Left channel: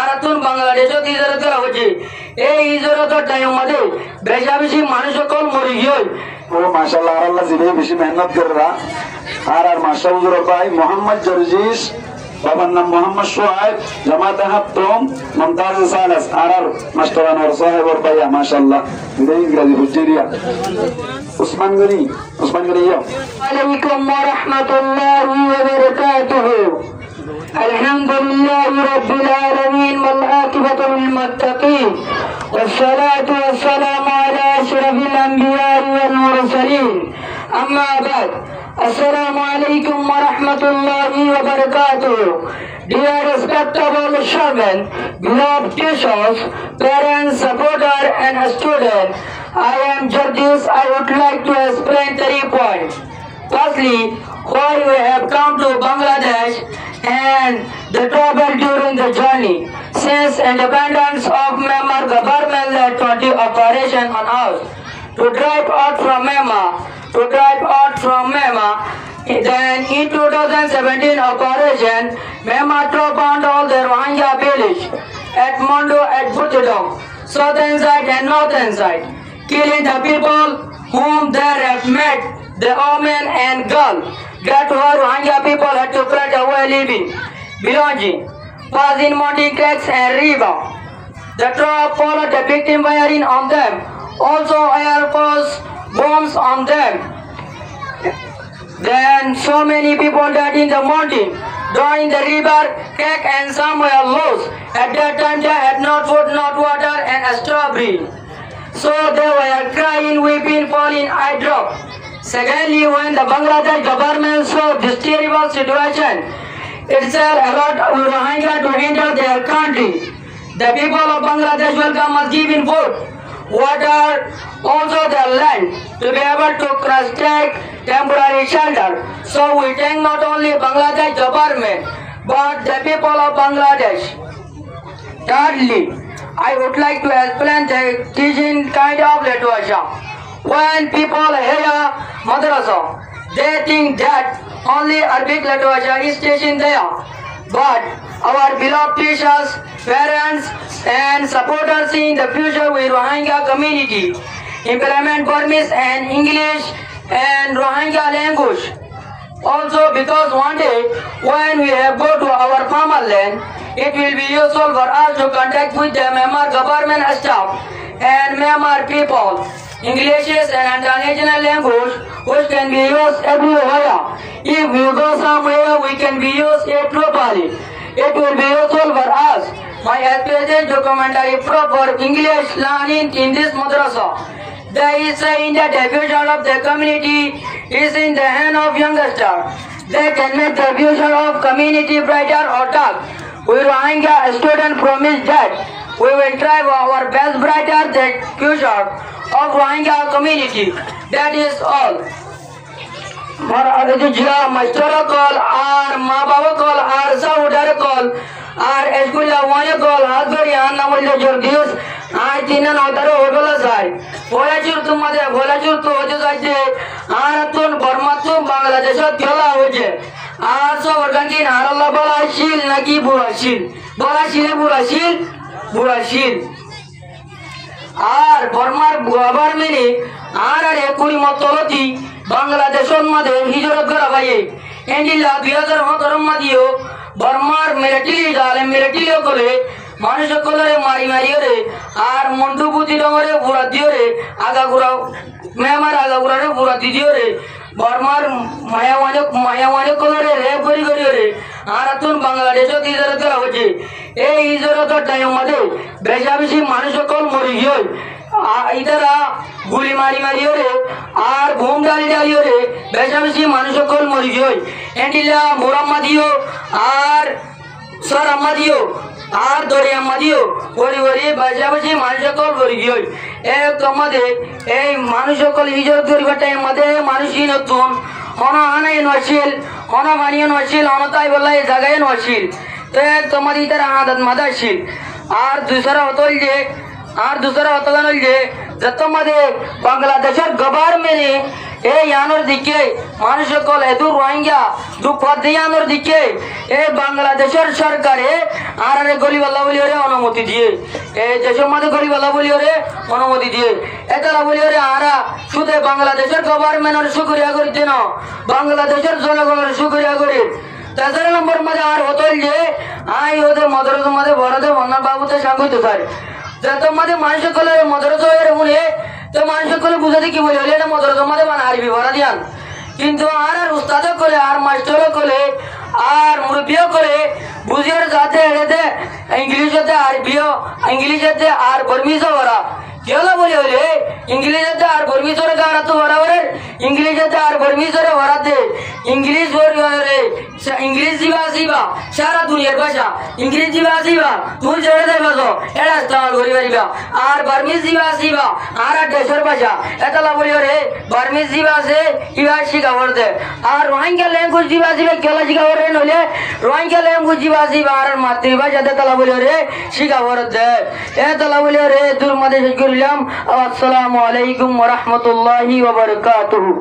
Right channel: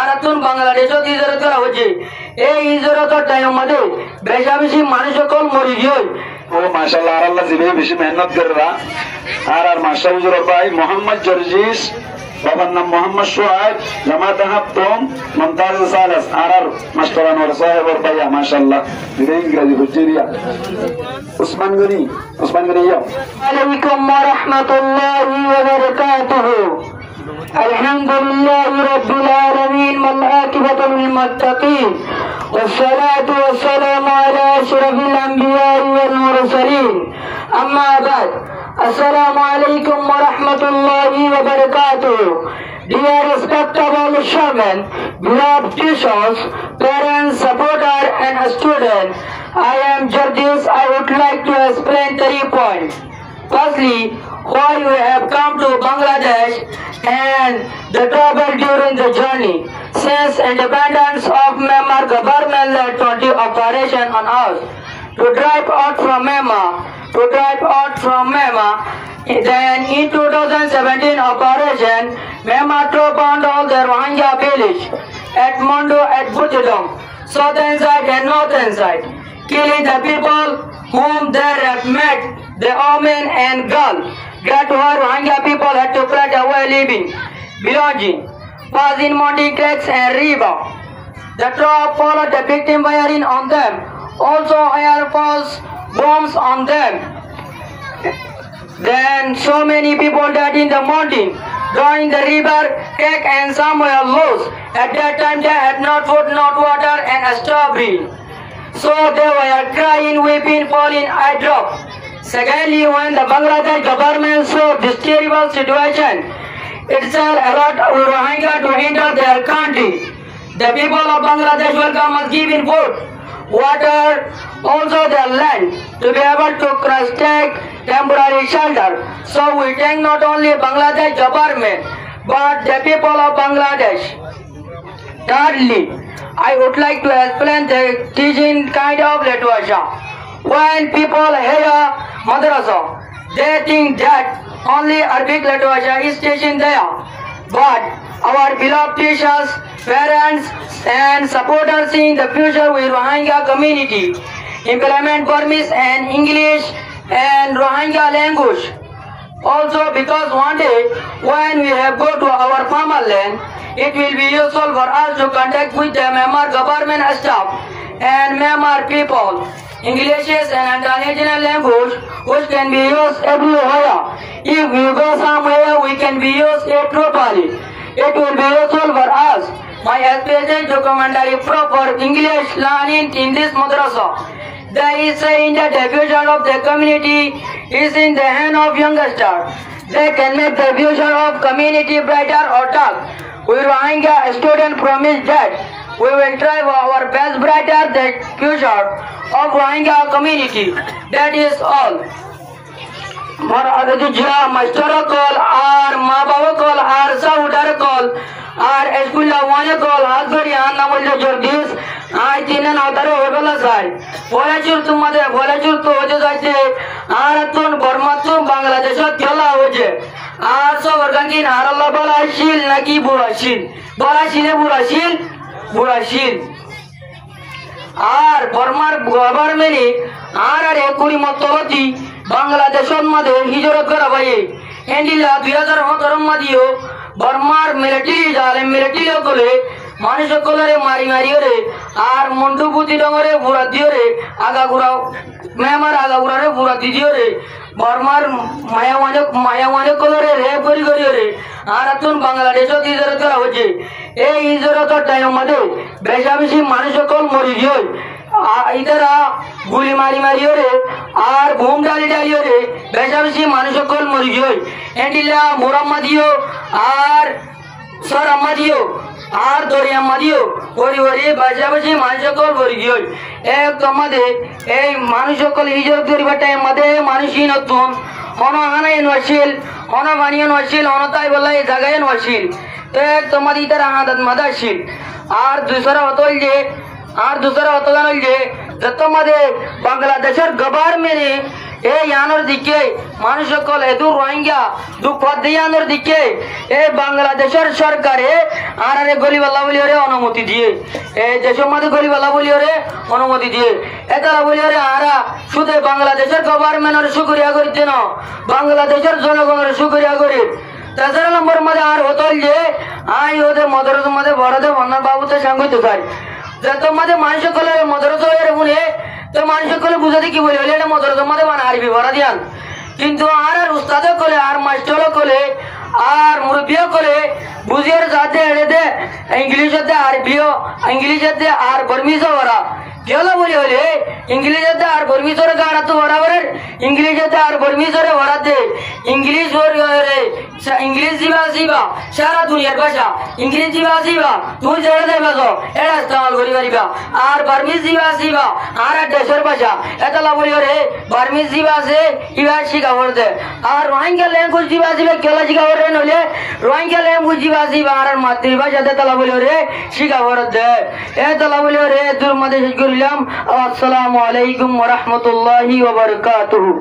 আরাতুন বাংলাদেশত হিজরত করা হয়েছে এই হিজরতের টাইম মধ্যে বেশা বেশি মানুষ সকল মরি গিয়ে ও মাশাআল্লাহ আর আল্লাহ জিবে বেশি মেহনত কররা আর মাশা হুজুর ভাই মোহাম্মদ জর্জিস বাবার নাম মোহাম্মদ সোহাইব জামাত হাফতম মমতাজ সালাস আর মাস্টারান ওর সাহেব ওর ভাইয়া মাশাআল্লাহ দিনে ইংরেজি হুজুরিয়া উসমান গনি ইয়া আলাইকুম ওয়া রাহমাতুল্লাহি ওয়া বারাকাতুহু আলহামদুলিল্লাহি রাব্বিল আলামিন ওয়াল আকিবাতু লিল মুত্তাকিন والصلاة والسلام على أشرف الأنبياء والمرسلين أما بعد السلام عليكم ورحمة الله وبركاته. Dear respectable shaman, beloved teachers, parents, supporters and students, I am Georges. I would like to explain 3 points. Firstly, why we have come to Bangladesh and the trouble during the journey. Since independence of Myanmar, government led 20 operation on us to drive out from Myanmar. Then in 2017 operation, Myanmar troop bound all the Rohingya village at Mondo at Butidong, southern side and northern side, killing the people whom they have met, the women and girls. That whole Rohingya people had to cut away living, belonging, was in Monty cracks and river. The troop followed the victim firing on them, also air force bombs on them. Then so many people died in the mountain, during the river, crack and some were lost. At that time they had not food, not water and a strawberry. So they were crying, weeping, falling, eye drop. Secondly, when the Bangladesh government saw this terrible situation, itself allowed Rohingya to enter their country. The people of Bangladesh welcome us giving food, water, also their land, to be able to cross-check temporary shelter. So we thank not only Bangladesh government, but the people of Bangladesh. Thirdly, I would like to explain the teaching kind of literature. When people hear madrasa, they think that only Arabic literature is teaching there. But our beloved teachers, parents and supporters in the future with Rohingya community implement Burmese and English and Rohingya language. Also because one day when we have go to our farmland, it will be useful for us to contact with the Myanmar government staff and Myanmar people. English is an international language which can be used everywhere. If we go somewhere, we can be used it properly. It will be useful for us. My experience documentary proper English learning in this madrasa. There is saying that the future of the community is in the hand of youngsters. They can make the future of community brighter or dark. We Rohingya students promise that we will try our best brighter the future of Rohingya community. That is all. Master call, our Mababa call, our Saudar call, our Escuela Wana call, Hasbari Anamul Jorgis, I think another Odola side. Volajur to Mother, Volajur to Ojaze, Aratun, Bormatun, Bangladesh, Kyola Oje, also Organtin, Arala Balashil, Naki Burashil, Burashil. আর বর্মার গভর্নমেন্টে আর একুরি মতলতি বাংলাদেশের মধ্যে হিজরত করা ভাই এন্ডিলা 2017 মধ্যেও বর্মার মিলিটারি করে মানুষ সকলের মারি রে আর মন্টু পুতি ডঙরে বুড়া দিও রে আগাগুড়া মেমার আগাগুড়ারে বুড়া দিও রে বর্মার মায়াওয়ানে কলরে রেপ করি রে আর তুন বাংলাদেশত হিজরত করা হয়েছে এই হিজরতের টাইম মধ্যে বেশা বেশি মানুষ সকল মরি গিয়ে ইদারা গুলি মারি রে আর বোম ডালি রে বেশা বেশি মানুষ সকল মরি গিয়ে এন্ডিলা মোরাম্মাদিও আর সর আম্মাদিও আর দরিয়া মাদিও ওরি বেশা বেশি মানুষ সকল মরি গিয়ে এক আমাদের এই মানুষ সকল হিজরত করিবার টাইম মধ্যে মানুষই নতুন হন হানাই নছিল হন বানিয়ে নছিল হন তাই বলা এই জায়গায় নছিল তো এক তোমার ইতার আদত মাদাছিল আর দুসরা হতল যে যত মধ্যে বাংলাদেশের গভর্নমেন্টে এই ইয়ানোর দিকে মানুষ সকল এদু রোহিঙ্গা দুঃখে ইয়ানোর দিকে এই বাংলাদেশের সরকারে আর গরিবাল্লা বলি অনুমতি দিয়ে এই দেশের মধ্যে গরিবাল্লা বলি অনুমতি দিয়ে এতারা বলি আরা শুধু বাংলাদেশের গভর্নমেন্টের শুক্রিয়া করি যেন বাংলাদেশের জনগণের শুক্রিয়া করি তেসরা নম্বর মধ্যে আর হতল যে আই ওদের মদরস মধ্যে বড়দের বন্যার বাবুতে সাংগিত স্যার যে তোমাদের মানুষ সকলে মদরস হয়ে বলে তো মানুষ সকলে বুঝাতে কি বলে এটা মদরস মধ্যে মানে আরবি ভরা দিয়ান কিন্তু আর উস্তাদ করে আর মাস্টার করে আর মুরব্বীও করে বুঝিয়ে যাতে এড়েতে ইংলিশতে আরবিও ইংলিশতে আর বর্মিজও ভরা কেলা বলে হলে ইংলিশতে আর বর্মিজরে গারা তো বরাবর ইংলিশতে আর বর্মিজরে ভরাতে ইংলিশ রে ইংলিশ জিবা সারা দুনিয়ার ভাষা ইংলিশ জিবা তুই জেনে দেবে এটা ইস্তেমাল করি পারিবা আর বার্মিজ জিবা আর দেশের ভাষা এটা বলি রে বার্মিজ জিবা আছে ইবা শিখাবর দে আর রোহিঙ্গা ল্যাঙ্গুয়েজ জিবা কেলা শিখাবর রে নইলে রোহিঙ্গা ল্যাঙ্গুয়েজ জিবা আর মাতৃভাষাতে তালা বলি রে শিখাবর দে এ তালা বলি রে দূর মধ্যে শেষ করিলাম। আসসালামু আলাইকুম ওয়া রাহমাতুল্লাহি ওয়া বারাকাতুহু।